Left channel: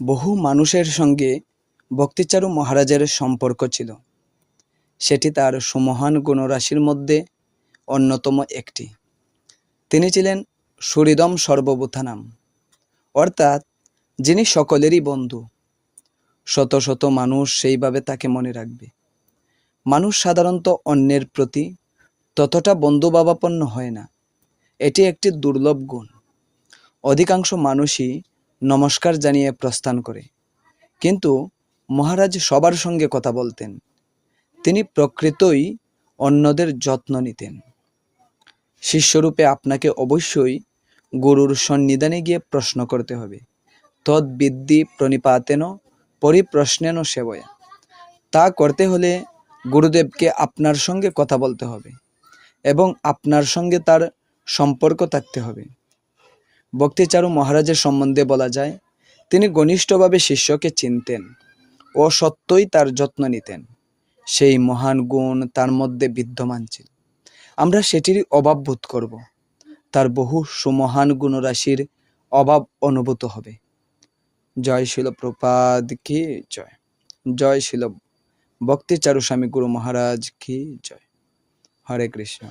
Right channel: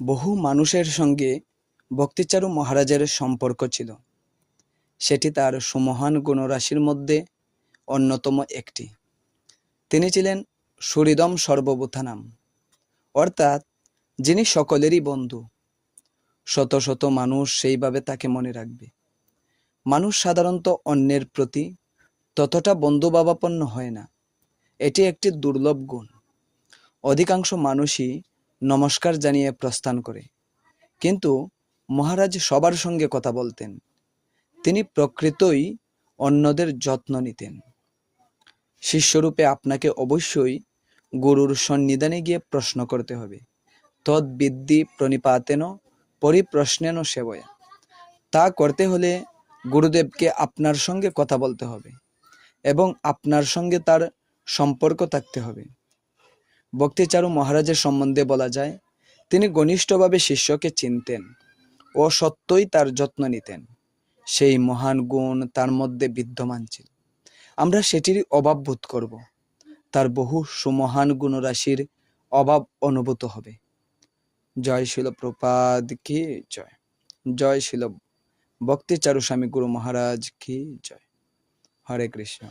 বহু মানুষের সঙ্গে ভক্তিচারু মহারাজের সম্পর্ক ছিল। সেটি তার সুমহান গুণরাশির মধ্যে অন্যতম একটি। তিনি ছিলেন সুহৃদম সর্বভূতানাম, অর্থাৎ যিনি সকলেরই বন্ধু। শত শত মানুষ সেইভাবে তাকে মনে রাখবে। মানুষ সাধারণত অন্যের প্রতি ততটা বন্ধুভাবাপন্ন হয় না। এটি একটি দুর্লভ গুণ। অধিকাংশ মানুষই নমস্কার জানিয়ে প্রস্থান করে, কিন্তু মহারাজ সবার সঙ্গে কথা বলতেন। তিনি প্রকৃতই অন্যদের যত্ন নিতেন। শিষ্যরূপে আপনাকে অবশ্যই গুরুর সন্নিধানে গিয়ে প্রশ্ন করতে হবে। তদ্বিদ্যি প্রণিপাতেন পরিপ্রশ্নেন সেবয়া। তা করতে হলে গুরুদেবকে আপনার সঙ্গে কথা বলতে হবে এবং আপনার সঙ্গে তার সম্পর্ক থাকতে হবে। ভক্তিচারু মহারাজের সম্বন্ধে বলা যায়, তিনি ঘনিষ্ঠভাবে শিষ্যকে চিনতেন ও সত্যই তার যত্ন নিতেন। সেই মহান গুণ তার মধ্যে বিদ্যমান ছিল। আমরা সেটিরই অভাব বোধ করব। তার বহু সুমহান গুণরাশির অভাব অনুভূত হবে। জয় শিল প্রপাদ কি জয়। জয় শিল ভক্তিচারু স্বামী গুরু মহারাজ কি জয়। হরে কৃষ্ণ।